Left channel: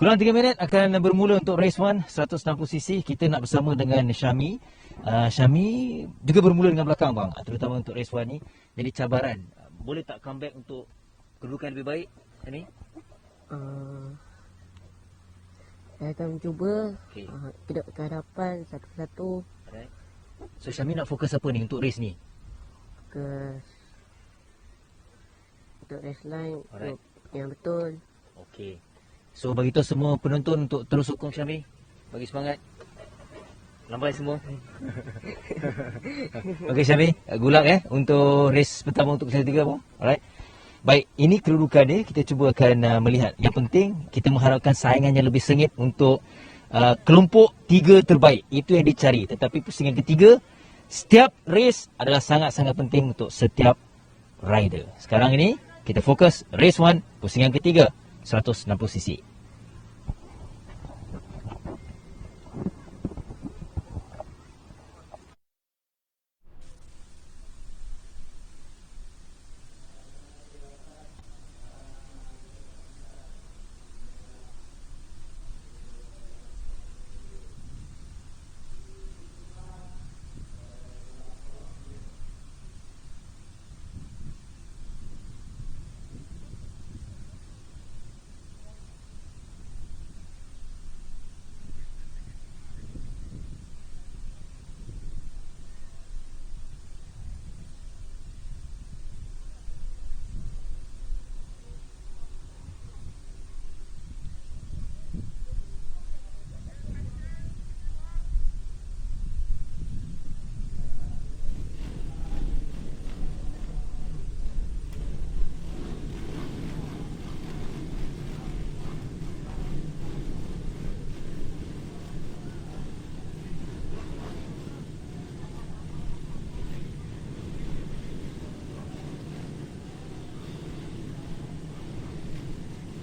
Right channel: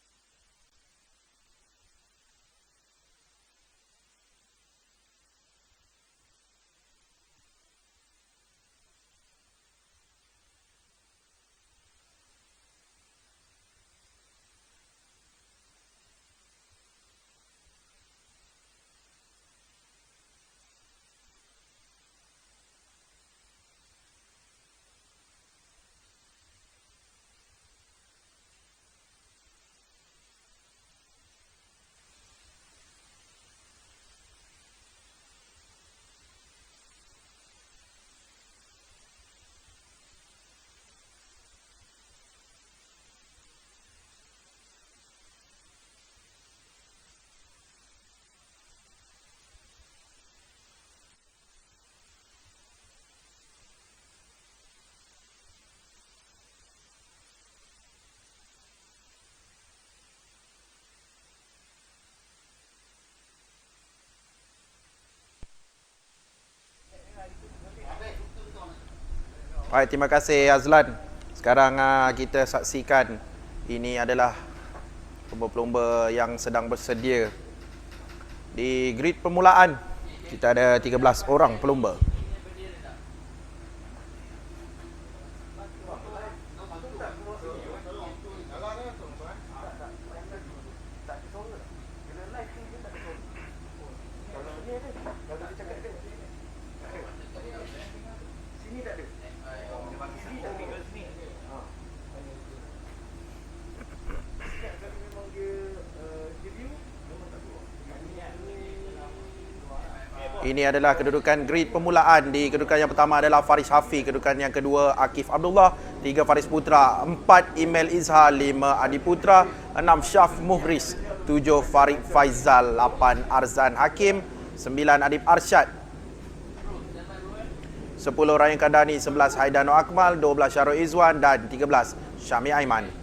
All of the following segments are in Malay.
Kurang 3 minit akan bermula untuk race 1 160cc. Kita nak bersama dengan Syami. Syami juga bermula dengan belakang bang, terutama untuk race 1 ni. Jadi cabaran, boleh tak comeback untuk kedudukan lebih baik ni? Saya akan mencuba. Okay. Tidak ke hadapan satu-satu. Alright. So Syami nak fokus apa ni untuk race ni? Untuk race line. Alright. Yang betul. Okey. So bagi tahu semua penonton untuk terus sokong Syami. Bagi semangat. Lambai semua. Okey Syami, good luck untuk race pertama untuk Persatuan 3 bang. Alright. Baik, ini kedudukan dia. Kita cuba akan melihat. Yang penting kita mengharapkan saingan yang lebih sengit untuk kelompok 3 terbaik. Itu yang dicari. Tetapi pusingan ketiga, setiap race adalah sangat-sangat penting untuk setiap rider. Sekarang ini kita fokus race 1 pusingan ketiga 160cc. Baik, terima kasih Azlan. Sekarang kita saksikan ini adalah pelumba-pelumba yang sedang bersedia di grid permulaan. Kita ada 13 orang pelumba. Ini adalah kedudukan grid permulaan. Di kedudukan yang pertama adalah Faris Hafi, kedudukan yang kedua Akif Abdullah, 3 Faris Putra, 4 Imel Izhar, 5 Adi Putra, 6 Syaf Muhriz, 7 Farid Faizal, 8 Arzan Hakim, 9 Adib Arsyad, 10 Ryan Kandani, 11 Haidano Akmal, 12 Syarul Izwan dan 13 Syami Aiman.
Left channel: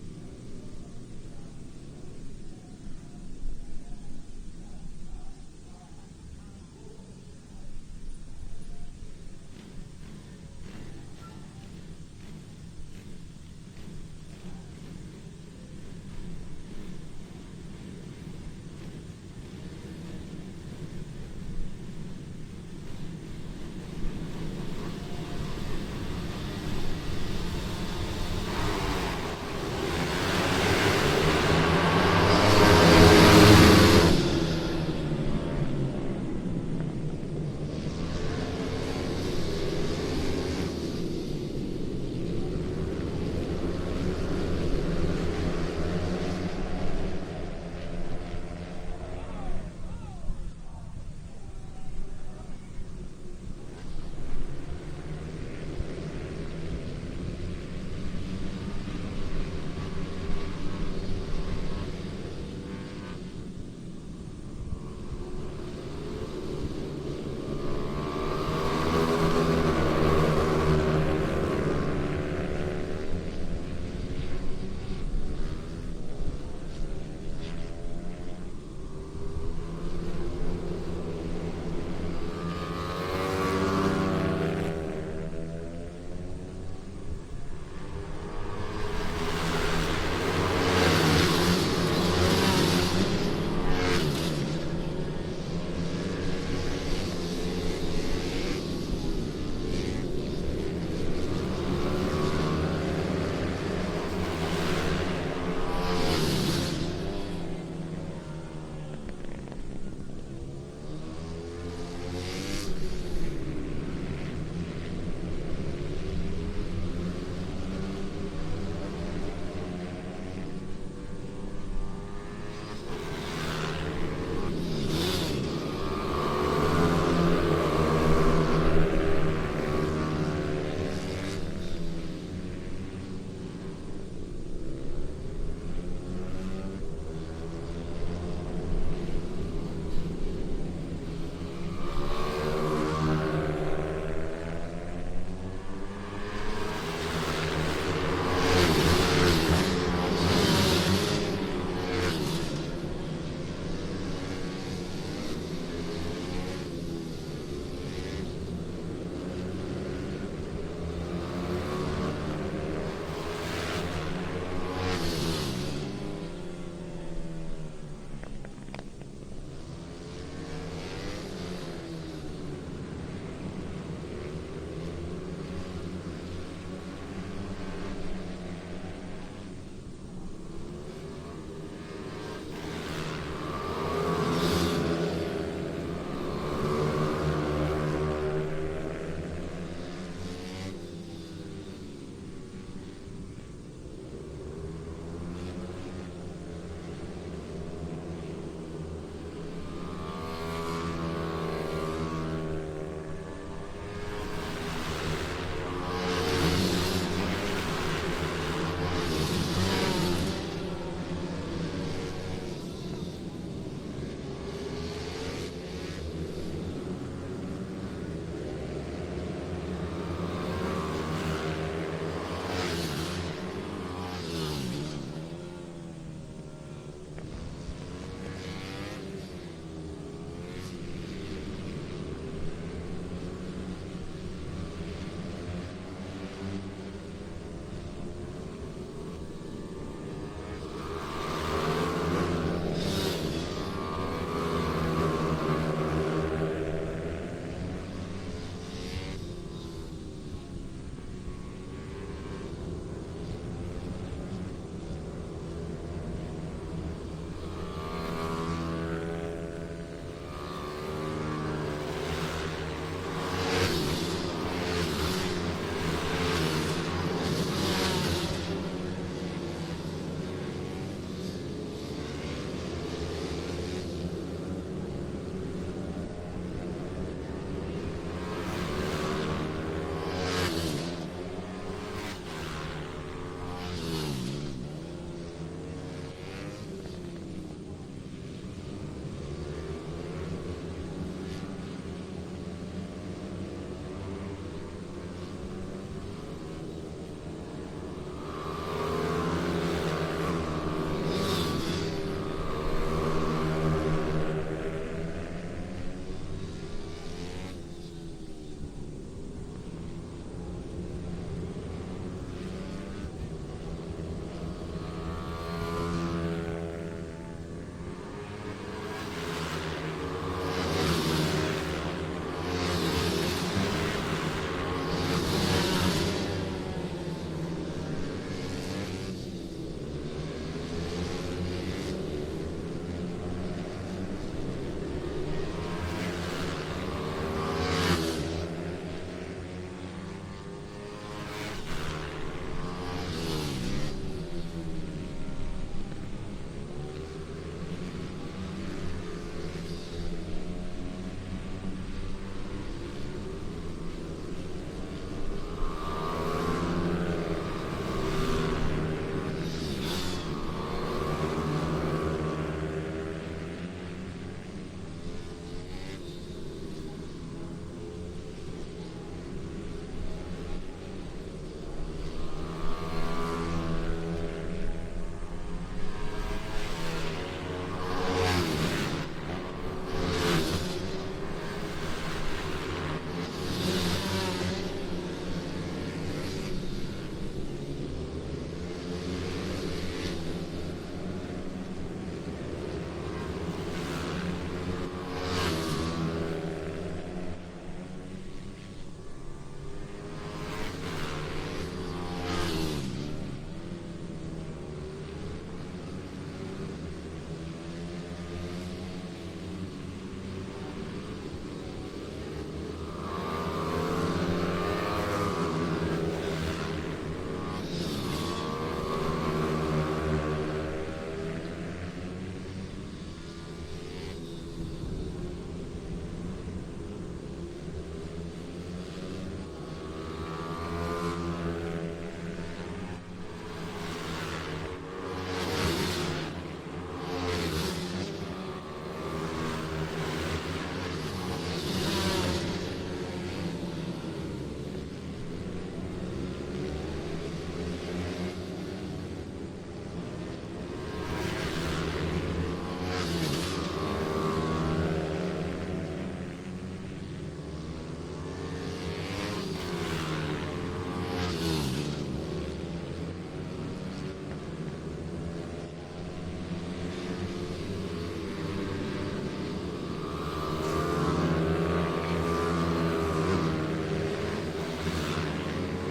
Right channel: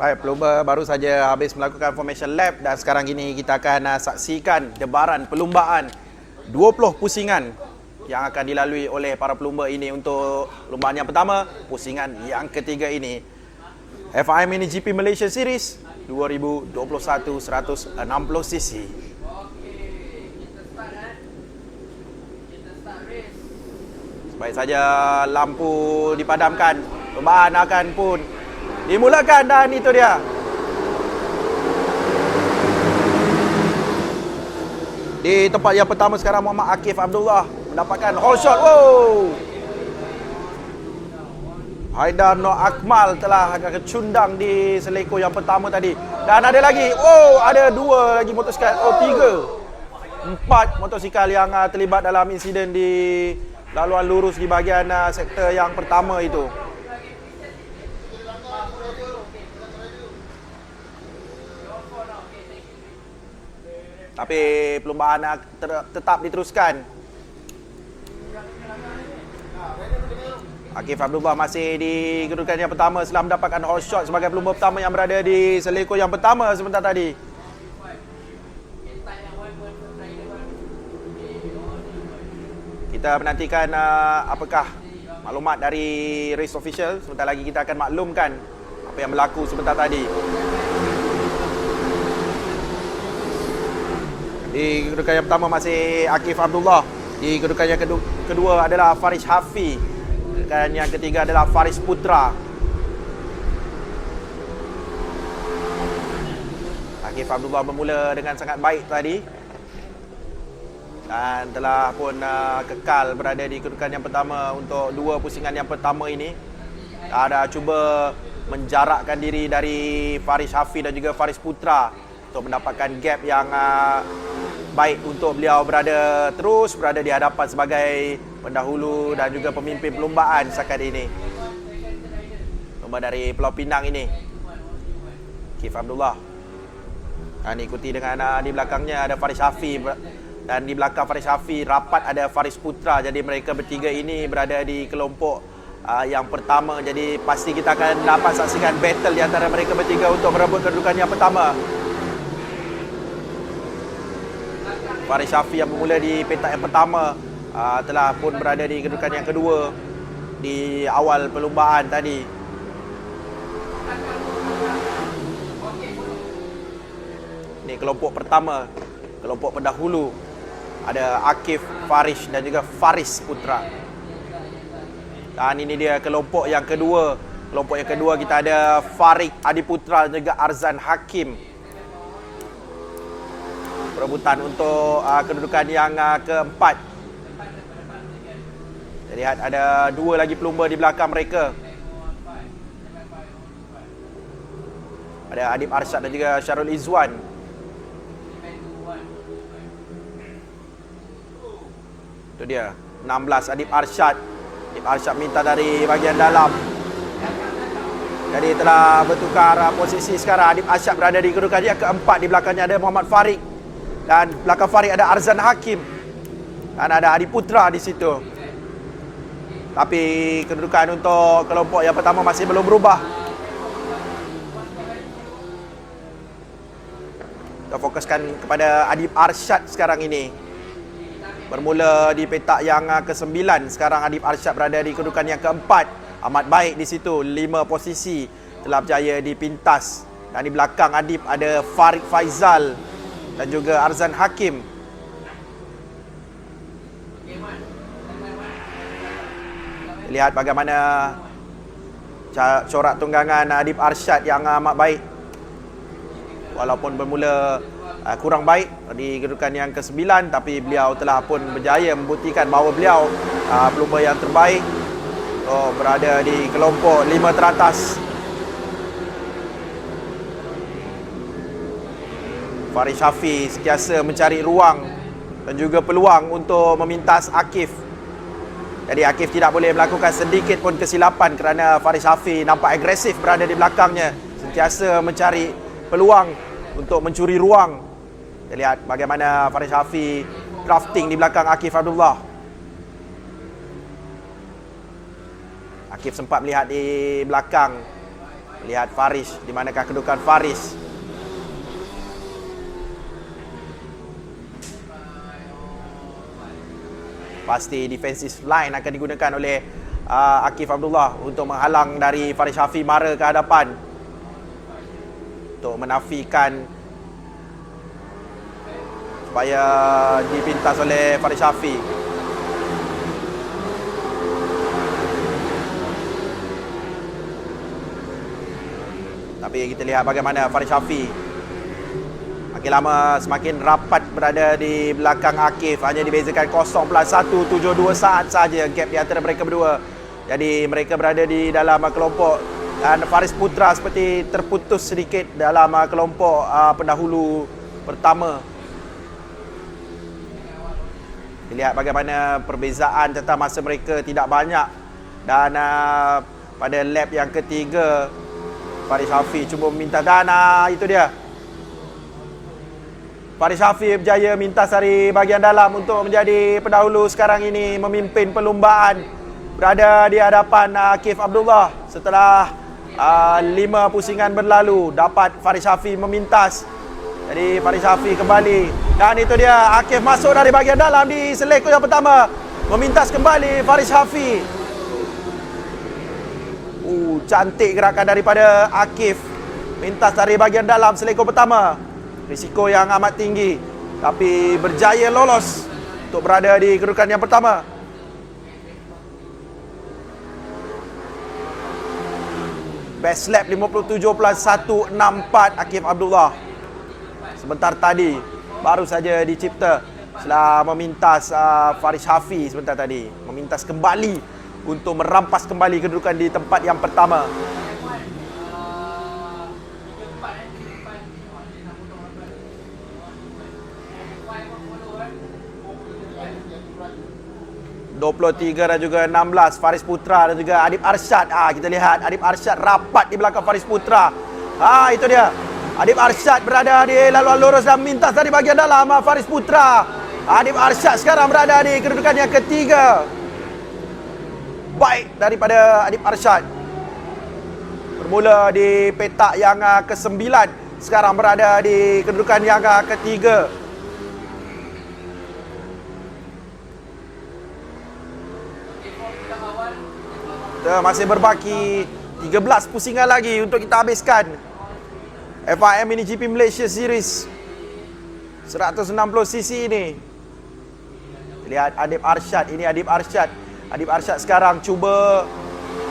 Baik, pelumba baru saja habis melakukan formation lap dan sekarang ini kita akan saksikan debaran perlumbaan 20 pusingan yang akan dilalui oleh para pelumba ini untuk perlumbaan yang pertama, pusingan yang ketiga ini. FIM Mini GP Malaysia Series 2021 160cc. Baik saja lampu dipadamkan, perlumbaan akan pun dimulakan dan itu dia. Di tempat yang pertama sekarang Muhammad Akif Abdullah mendapatkan all shot. Wow. Haidar Nur Akmal telah kecundang di seleko yang pertama tadi. Dan ada lagi. Oh, ada 2 lagi motosikal. Oh, 3. 4 motosikal yang terlibat dalam insiden di laluan lurus di bahagian sektor yang pertama itu. Tapi perlumbaan tetap diteruskan. Akif Abdullah masih di kedudukan yang pertama setelah mendapatkan hot shot sebagai pelumba pertama yang berada di seleko yang pertama sebentar tadi. Kita menantikan apakah maklumat dari race official. Sebentar lagi kita akan maklumkan apa yang berlaku sebentar tadi. Di kedudukan yang pertama masih Akif Abdullah. Di kedudukan yang kedua adalah Faris Hafi. Dan yang ketiga adalah Faris Putra. Akif Abdullah bermula dengan sangat baik tadi. Dan telah pun kekal berada di kedudukan yang pertama untuk dua pusingan yang pertama ini. Ada cuba menjarakkan diri dari Faris Hafi dan juga Faris Putra untuk mendapatkan gap yang baik untuk beliau terus berada di hadapan sebagai pendahulu dan juga pemimpin perlombaan setakat ini. Nombor dari Pulau Pinang ini, Akif Abdullah. Dan ikuti dengan di belakangnya ada Faris Hafi. Dan di belakang Faris Hafi rapat ada Faris Putra. Jadi mereka bertiga ini berada di kelompok yang pertama. Jadi pasti kita akan dapat saksikan battle di antara mereka bertiga untuk merebut kedudukan yang pertama. Faris Hafi yang bermula di petak yang pertama telah pun berada di kedudukan yang kedua di awal perlombaan tadi. Ini kelompok pertama, kelompok pendahulu. Ada Akif, Faris dan juga Faris Putra. Dan ini dia kelompok yang kedua. Kelompok yang kedua kita ada Farid Adiputra dan juga Arzan Hakim. Perebutan untuk kedudukan yang keempat. Kita lihat ada dua lagi pelumba di belakang mereka. Ada Adib Arsyad dan juga Syarul Izwan. Itu dia 16 Adib Arsyad. Adib Arsyad minta dari bahagian dalam. Jadi telah bertukar posisi sekarang. Adib Arsyad berada di kedudukan yang keempat. Di belakangnya ada Muhammad Farid. Dan belakang Farid ada Arzan Hakim. Dan ada Adib Putra di situ. Tapi kedudukan untuk kelompok yang pertama masih belum berubah. Kita fokuskan kepada Adib Arsyad sekarang ini. Bermula di petak yang ke-9. Sekarang Adib Arsyad berada di kedudukan yang keempat. Amat baik di situ. 5 posisi telah berjaya dipintas. Dan di belakang Adib ada Farid Faizal dan juga Arzan Hakim. Lihat bagaimana corak tunggangan Adib Arsyad yang amat baik. Walaupun bermula kurang baik di kedudukan yang ke-9, tapi beliau telah pun berjaya membuktikan bahawa beliau pelumba yang terbaik. Berada di kelompok 5 teratas. Faris Hafi sentiasa mencari ruang dan juga peluang untuk memintas Akif. Jadi Akif tidak boleh melakukan sedikit pun kesilapan kerana Faris Hafi nampak agresif berada di belakangnya. Sentiasa mencari peluang untuk mencuri ruang. Kita lihat bagaimana Faris Hafi drafting di belakang Akif Abdullah. Akif sempat melihat di belakang. Lihat Faris, di manakah kedudukan Faris. Pasti defensive line akan digunakan oleh Akif Abdullah untuk menghalang dari Faris Hafi mara ke hadapan. Untuk menafikan supaya dipintas oleh Faris Hafi. Tapi kita lihat bagaimana Faris Hafi makin lama semakin rapat berada di belakang Akif. Hanya dibezakan 0.172 saat saja gap di antara mereka berdua. Jadi mereka berada di dalam kelompok. Dan Faris Putra seperti terputus sedikit dalam kelompok pendahulu pertama. Lihat bagaimana perbezaan tentang masa mereka tidak banyak. Dan pada lap yang ketiga Faris Hafi cuba meminta. Dan itu dia, Faris Hafi berjaya mintas dari bahagian dalam untuk menjadi pendahulu sekarang ini, memimpin perlumbaan. Berada di hadapan Akif Abdullah. Setelah 5 pusingan berlalu, dapat Faris Hafi memintas. Jadi Faris Hafi kembali. Dan itu dia, Akif masuk dari bahagian dalam di selektor yang pertama. Memintas kembali Faris Hafi. Cantik gerakan daripada Akif. Mintas dari bahagian dalam selekor pertama. Risiko yang amat tinggi, tapi berjaya lolos untuk berada di kedudukan yang pertama. Best lap 57.164 Akif Abdullah. Sebentar tadi baru saja dicipta setelah memintas Faris Hafi sebentar tadi. Memintas kembali untuk merampas kembali kedudukan di tempat yang pertama. (23) dan juga 16 Faris Putra dan juga Adib Arsyad. Kita lihat Adib Arsyad rapat di belakang Faris Putra. Itu dia. Adib Arsyad berada di laluan lurus dan mintas dari bahagian dalam Faris Putra. Adib Arsyad sekarang berada di kedudukan yang ketiga. Baik daripada Adib Arsyad. Bermula di petak yang ke-9, sekarang berada di kedudukan yang ketiga. Kita masih berbaki 13 pusingan lagi untuk kita habiskan FIM MiniGP Malaysia Series 160cc ini. Lihat Adib Arsyad, ini Adib Arsyad. Adib Arsyad sekarang cuba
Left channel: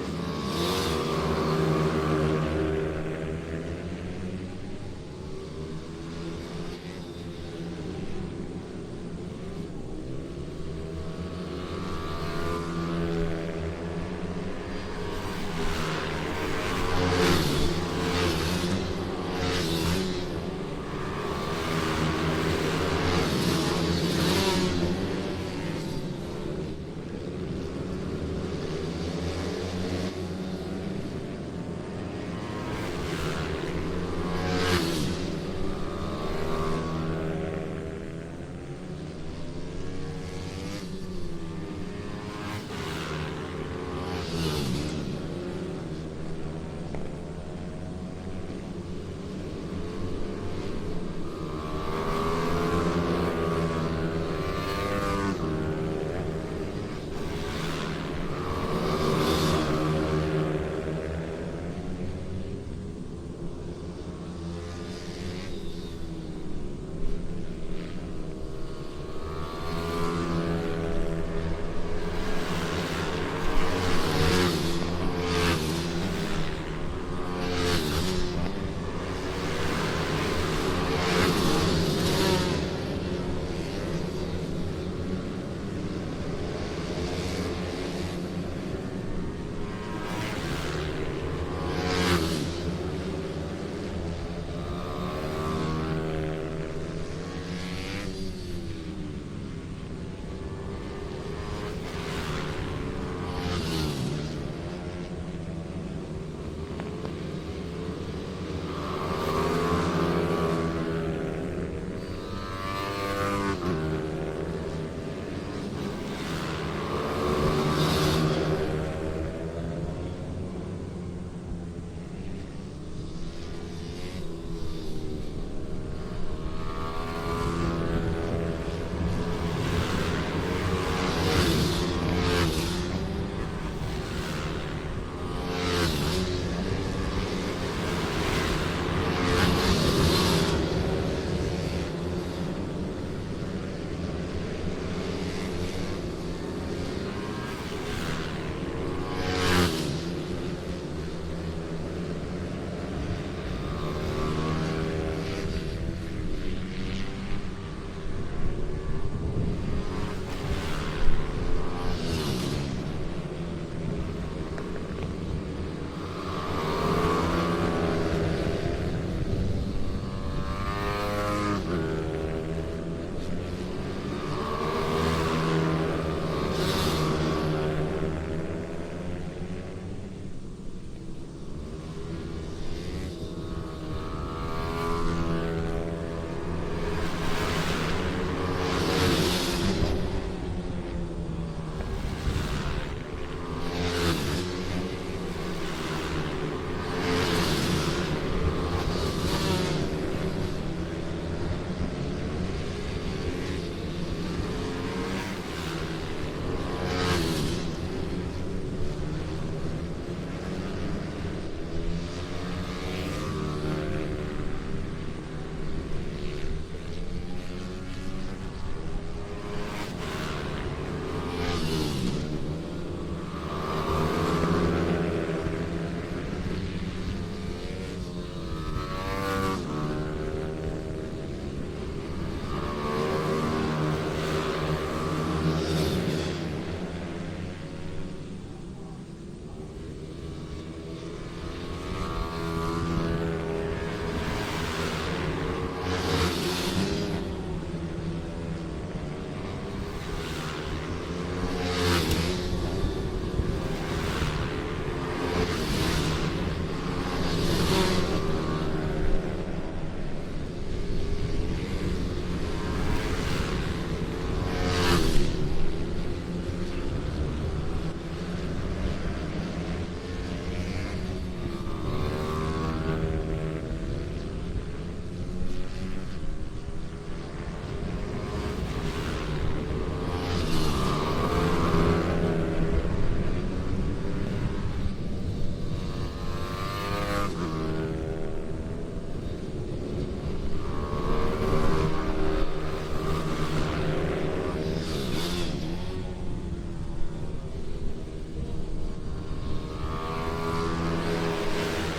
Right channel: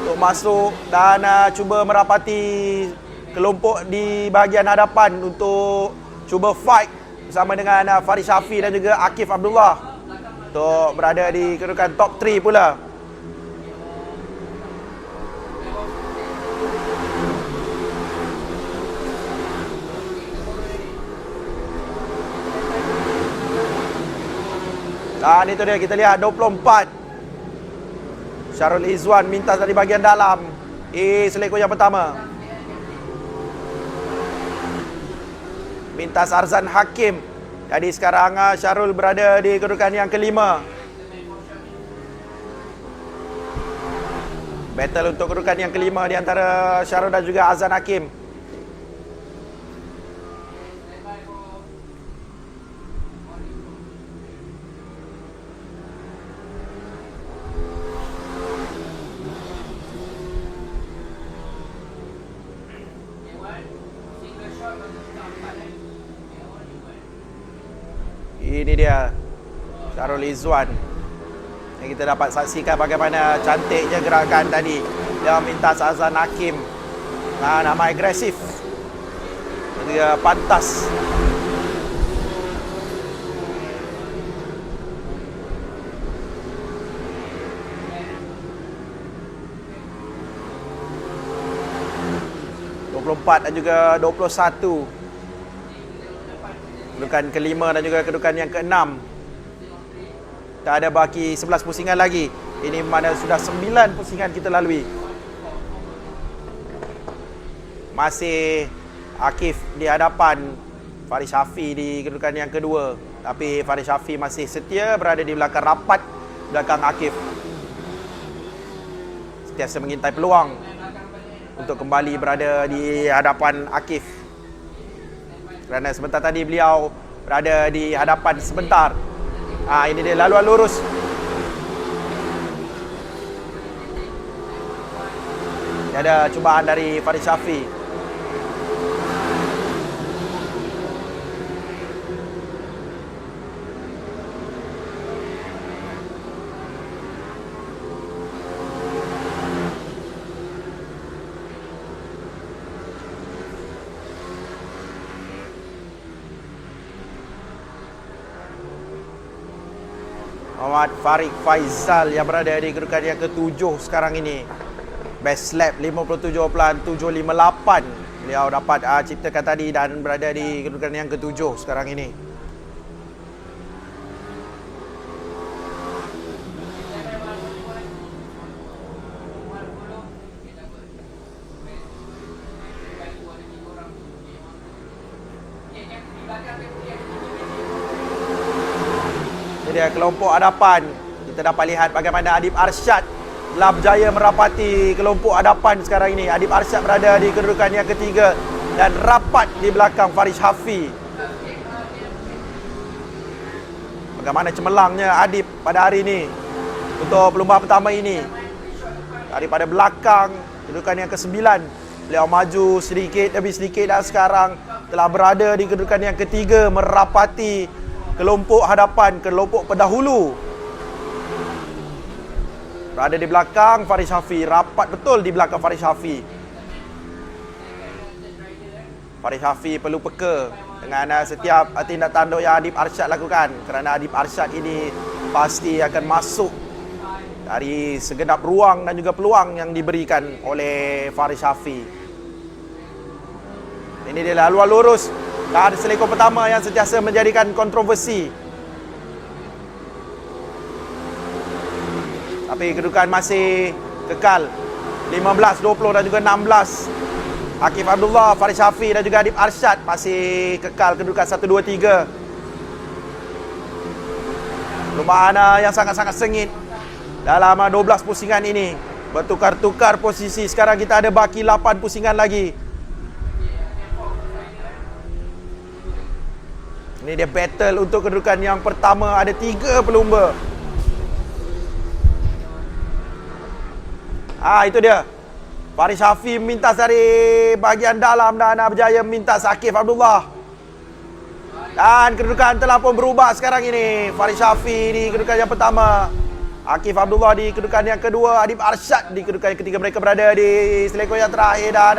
untuk masuk dan cuba merapati kelompok di bahagian hadapan untuk cuba fight bersama dengan Faris Hafi dan juga Akif Abdullah untuk berada di kedudukan top 3 pula. Dan itu dia, kita lihat 24 Syarul Izwan mintas dari bahagian dalam selekor yang pertama. Mintas Arzan Hakim. Jadi sekarang Syarul berada di kedudukan yang kelima. Battle untuk kedudukan yang kelima di antara Syarul dan juga Arzan Hakim. Ini dia Syarul Izwan. Kita dapat saksikan bagaimana cantiknya gerakan tadi. Dia melintas Azan Hakim. Nama agresif. Dia pantas. Dan juga 21. Kedudukan kelima dan juga kedudukan yang keenam. Tak ada baki 11 pusingan lagi. Ini mana sudah 9 pusingan kita lalui. Masih Akif di hadapan Faris Hafi di kedudukan yang kedua. Tapi Faris Hafi masih setia berada di belakang rapat, belakang Akif. Sentiasa mengintai peluang untuk kembali berada di hadapan Akif. Kerana sebentar tadi beliau berada di hadapan sebentar. Ini dia laluan lurus. Ada cubaan dari Faris Hafi. Muhammad Farid Faizal yang berada di kedudukan yang ke-7 sekarang ini. Best lap 57.758. Beliau dapat ciptakan tadi dan berada di kedudukan yang ke-7 sekarang ini. Dia kelompok hadapan. Kita dapat lihat bagaimana Adib Arsyad telah berjaya merapati kelompok hadapan sekarang ini. Adib Arsyad berada di kedudukan yang ketiga dan rapat di belakang Faris Hafi. Bagaimana cemerlangnya Adib pada hari ini untuk perlumbaan pertama ini. Daripada belakang kedudukan yang ke-9. Beliau maju sedikit demi sedikit dan sekarang telah berada di kedudukan yang ketiga, merapati kelompok hadapan, kelompok pendahulu. Berada di belakang Faris Shafi, rapat betul di belakang Faris Shafi. Faris Shafi perlu peka dengan setiap tindak tanduk yang Adib Arsyad lakukan, kerana Adib Arsyad ini pasti akan masuk dari segenap ruang dan juga peluang yang diberikan oleh Faris Shafi. Ini dia laluan lurus dan selekor pertama yang sentiasa menjadikan kontroversi. Tapi kedudukan masih kekal 15, 20 dan juga 16. Akif Abdullah, Faris Shafi dan juga Adib Arsyad masih kekal kedudukan 1, 2, 3. Perlombaan yang sangat-sangat sengit dalam 12 pusingan ini. Bertukar-tukar posisi. Sekarang kita ada baki 8 pusingan lagi. Ini dia battle untuk kedudukan yang pertama. Ada 3 pelumba. Itu dia. Faris Shafi mintas dari bahagian dalam dan berjaya mintas Akif Abdullah. Dan kedudukan telah pun berubah sekarang ini. Faris Shafi di kedudukan yang pertama. Akif Abdullah di kedudukan yang kedua. Adib Arsyad di kedudukan yang ketiga. Mereka berada di selekor yang terakhir dan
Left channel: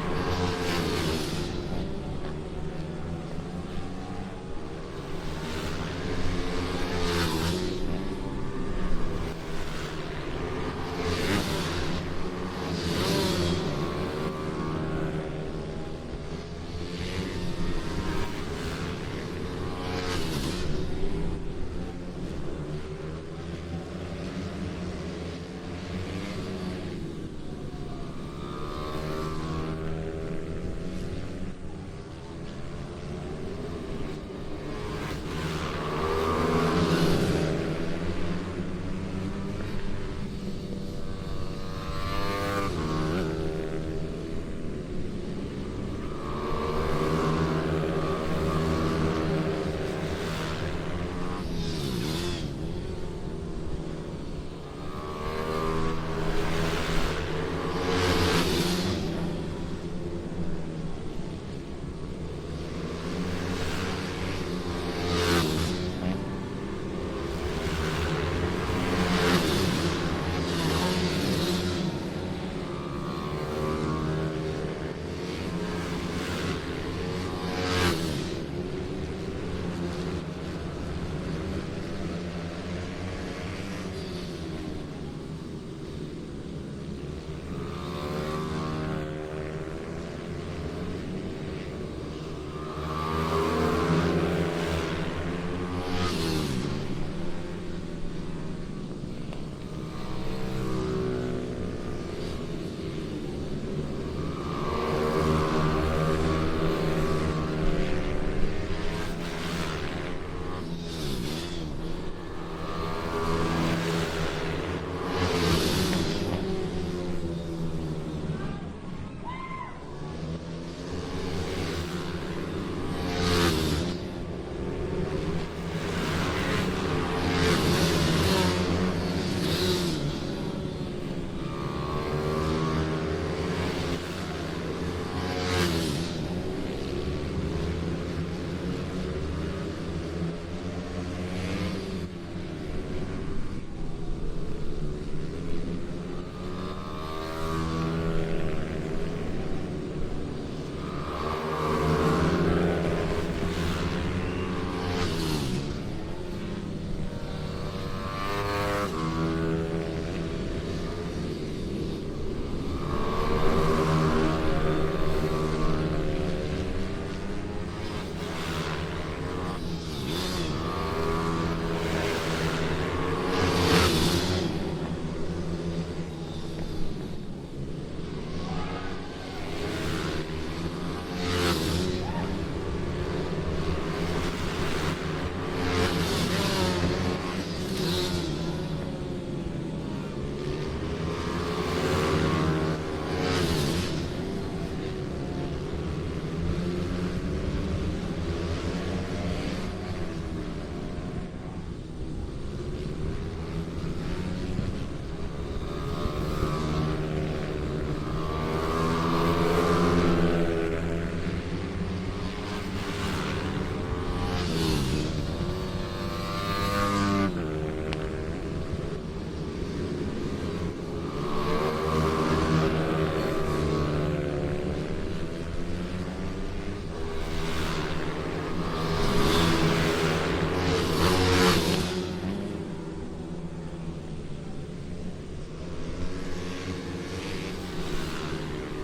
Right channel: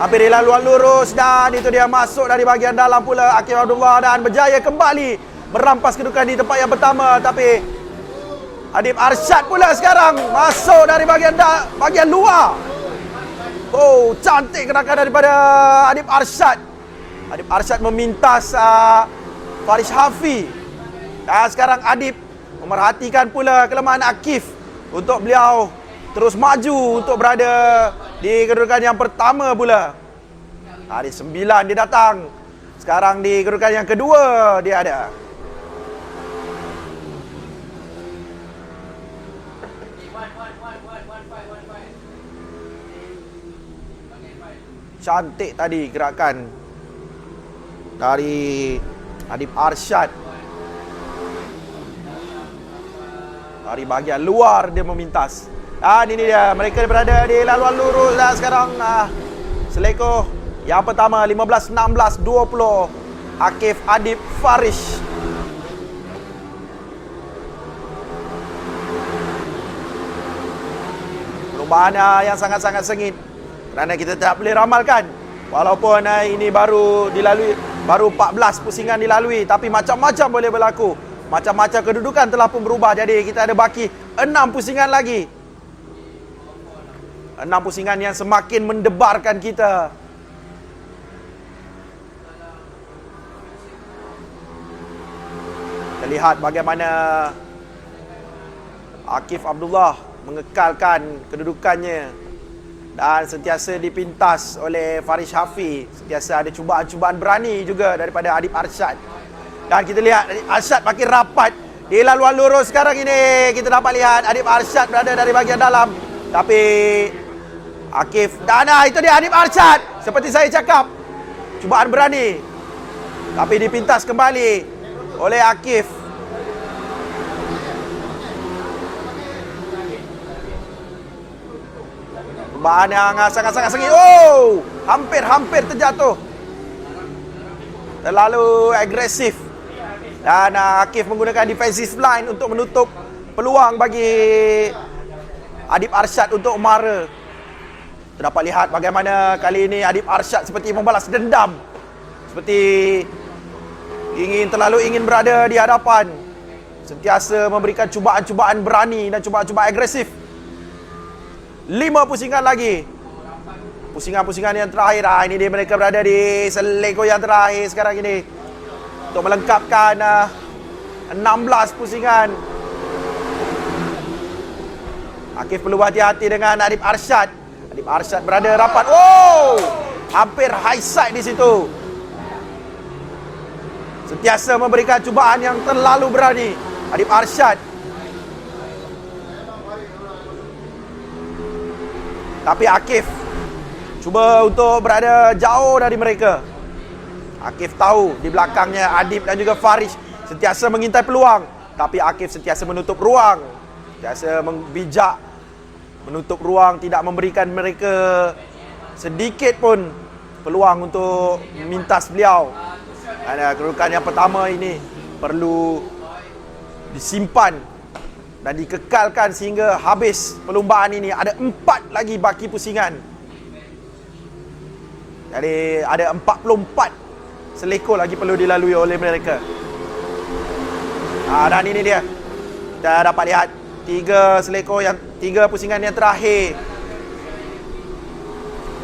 hampir di laluan lurus. Dan itu dia masuk dari bahagian dalam pula Akif Abdullah dan berjaya kembali merampas kedudukan di tempat yang pertama. Tapi Adib Arsyad pula sekarang masuk dari bahagian luar. Oh, cantik gerakan daripada Adib Arsyad. Adib Arsyad memintas Faris Shafi. Dan sekarang Adib memerhatikan pula kelemahan Akif untuk beliau terus maju untuk berada di kedudukan yang pertama pula. Hari 9 dia datang. Sekarang di kedudukan yang kedua dia ada. Cantik tadi gerakan dari Adib Arsyad. Dari bahagian luar dia memintas. Dan ini dia, mereka berada di laluan lurus dan sekarang selekor yang pertama 15, 16, 20 Akif Adib Faris. Perubahan yang sangat-sangat sengit. Kerana kita tak boleh ramalkan. Walaupun ini baru dilalui, baru 14 pusingan dilalui, tapi macam-macam boleh berlaku. Macam-macam kedudukan telah pun berubah. Jadi kita ada baki 6 pusingan lagi. 6 pusingan yang semakin mendebarkan kita. Kita lihat bagaimana Akif Abdullah mengekalkan kedudukannya dan sentiasa dipintas oleh Faris Shafi. Sentiasa ada cubaan-cubaan berani juga daripada Adib Arsyad. Dan kita lihat Adib Arsyad makin rapat di laluan lurus sekarang ini. Kita dapat lihat Adib Arsyad berada dari bahagian dalam. Tapi Akif, dan itu dia Adib Arsyad. Seperti saya cakap, cubaan berani. Tapi dipintas kembali oleh Akif. Bahan yang sangat-sangat sengit. Oh, hampir terjatuh. Terlalu agresif. Dan Akif menggunakan defensive line untuk menutup peluang bagi Adib Arsyad untuk mara. Kita dapat lihat bagaimana kali ini Adib Arsyad seperti membalas dendam. Seperti terlalu ingin berada di hadapan. Sentiasa memberikan cubaan-cubaan berani dan cubaan-cubaan agresif. 5 pusingan lagi. Pusingan-pusingan yang terakhir. Ini dia mereka berada di selekor yang terakhir sekarang ini. Untuk melengkapkan 16 pusingan. Akif perlu hati-hati dengan Adib Arsyad. Adib Arsyad berada rapat. Oh! Hampir high side di situ. Sentiasa memberikan cubaan yang terlalu berani. Adib Arsyad. Tapi Akif cuba untuk berada jauh dari mereka. Akif tahu di belakangnya Adib dan juga Faris sentiasa mengintai peluang. Tapi Akif sentiasa menutup ruang. Sentiasa bijak menutup ruang, tidak memberikan mereka sedikit pun peluang untuk mintas beliau. Kedudukan yang pertama ini perlu disimpan dan dikekalkan sehingga habis perlumbaan ini. Ada 4 lagi baki pusingan. Jadi ada 44 selekor lagi perlu dilalui oleh mereka. Dan ini dia. Kita dapat lihat 3 pusingan yang terakhir.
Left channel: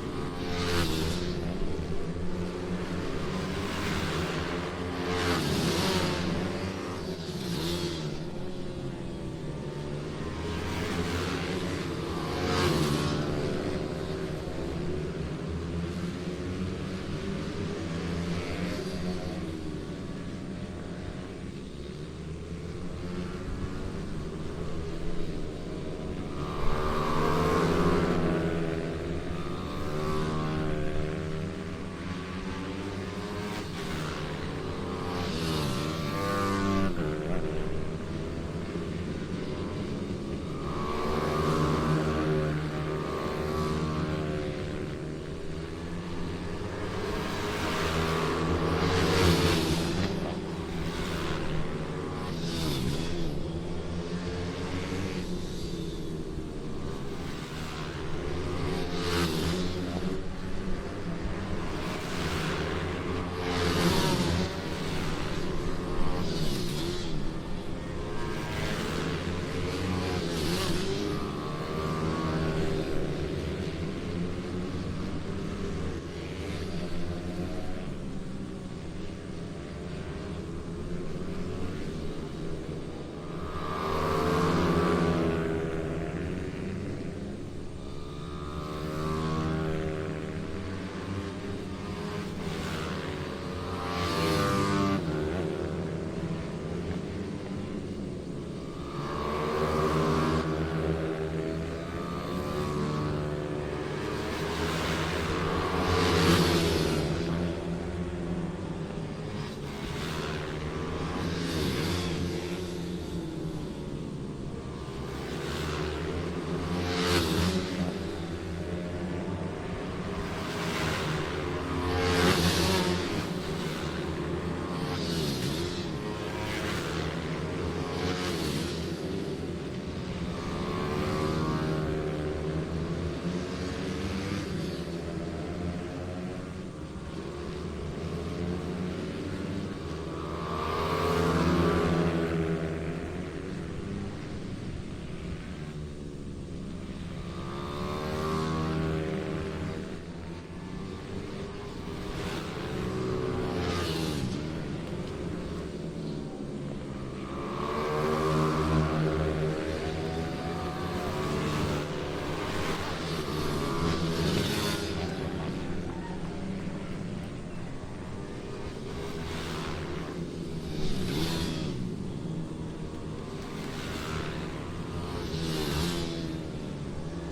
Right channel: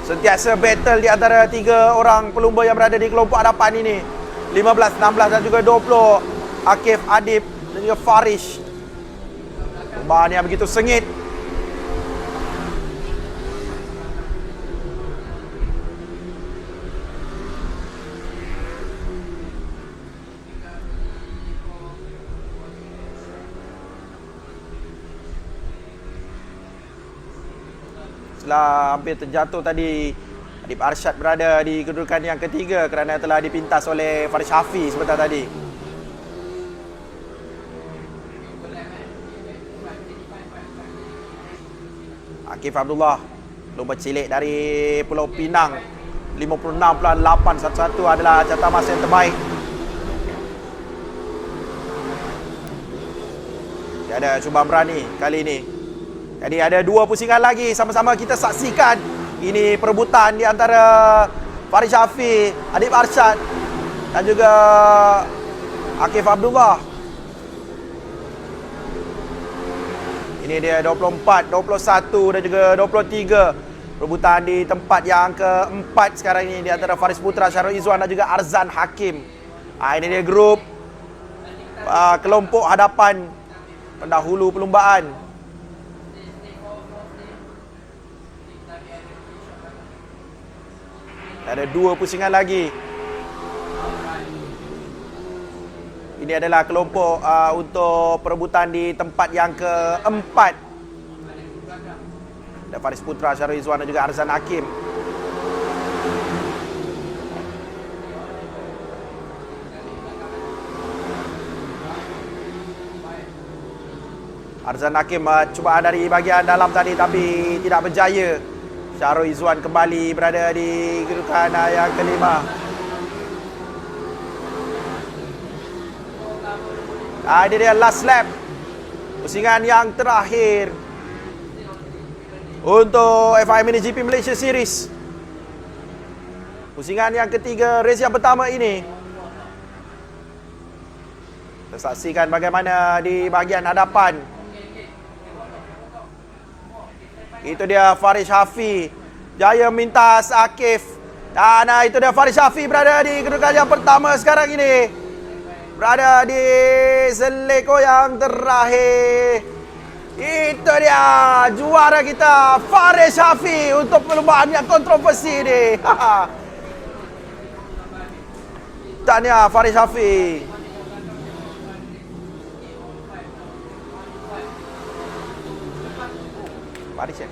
Sentiasa battle di antara 3 orang pelumba yang berada di kelompok hadapan ini. 15, 16 dan juga 20. Akif, Adib dan juga Farish. Perlumbaan yang begitu sengit. Setelah hampir terjatuh tadi, Adib Arsyad berada di kedudukan yang ketiga kerana telah dipintas oleh Faris Hafiz sebentar tadi. Akif Abdullah, pelumba cilik dari Pulau Pinang, 56.811 adalah jatah masa yang terbaik. Dia ada cuba berani kali ini. Jadi ada 2 pusingan lagi, sama-sama kita saksikan. Ini perebutan di antara Faris Hafiz, Adib Arsyad dan juga Akif Abdullah. Ini dia 24, 21 dan juga 23. Perebutan di tempat yang keempat sekarang ini di antara Faris Putra, Syarul Izwan dan juga Arzan Hakim. Ini dia grup kelompok hadapan pendahulu perlumbaan. Ada 2 pusingan lagi. Ini adalah kelompok untuk perebutan di tempat yang keempat. Ada Faris Putra, Syarul Izwan dan juga Arzan Hakim. Arzan Hakim cuba dari bahagian dalam tadi tapi tidak berjaya. Syarul Izwan kembali berada di kedudukan yang kelima. Ini dia last lap. Pusingan yang terakhir untuk FIM MiniGP Malaysia Series. Pusingan yang ketiga race yang pertama ini. Saksikan bagaimana di bahagian hadapan. Itu dia Faris Hafiz. Jaya mintas Akif. Dan itu dia Faris Hafiz berada di kedudukan yang pertama sekarang ini. Berada di selekor yang terakhir. Itu dia juara kita Faris Hafiz untuk perlombaan yang kontroversi ini. Tahniah Faris Hafiz. Faris ya.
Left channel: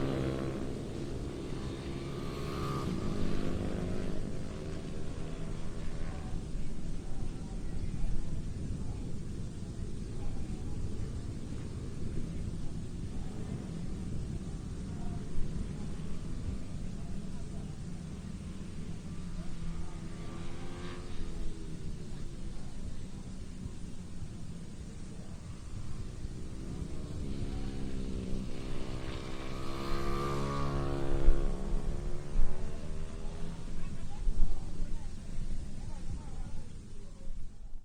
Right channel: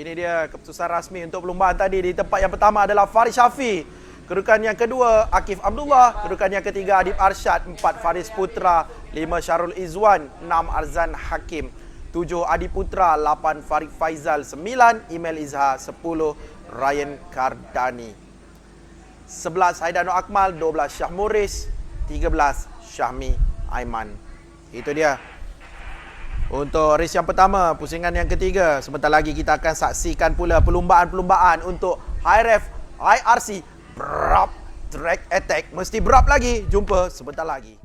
Ini dia keputusan rasmi untuk perlumbaan tadi. Di tempat yang pertama adalah Faris Hafiz. Kedudukan yang kedua Akif Abdullah. Kedudukan yang ketiga Adib Arsyad. 4 Faris Putra. 5 Syarul Izwan. 6 Arzan Hakim. 7 Adib Putra. 8 Farid Faizal. 9 Imel Izhar. 10 Ryan Kardani. 11 Haidano Akmal. 12 Syah Muris. 13 Syahmi Aiman. Itu dia untuk race yang pertama, pusingan yang ketiga. Sebentar lagi kita akan saksikan pula perlumbaan-perlumbaan untuk High Ref, IRC, Brap, Drag Attack. Mesti Brap lagi. Jumpa sebentar lagi.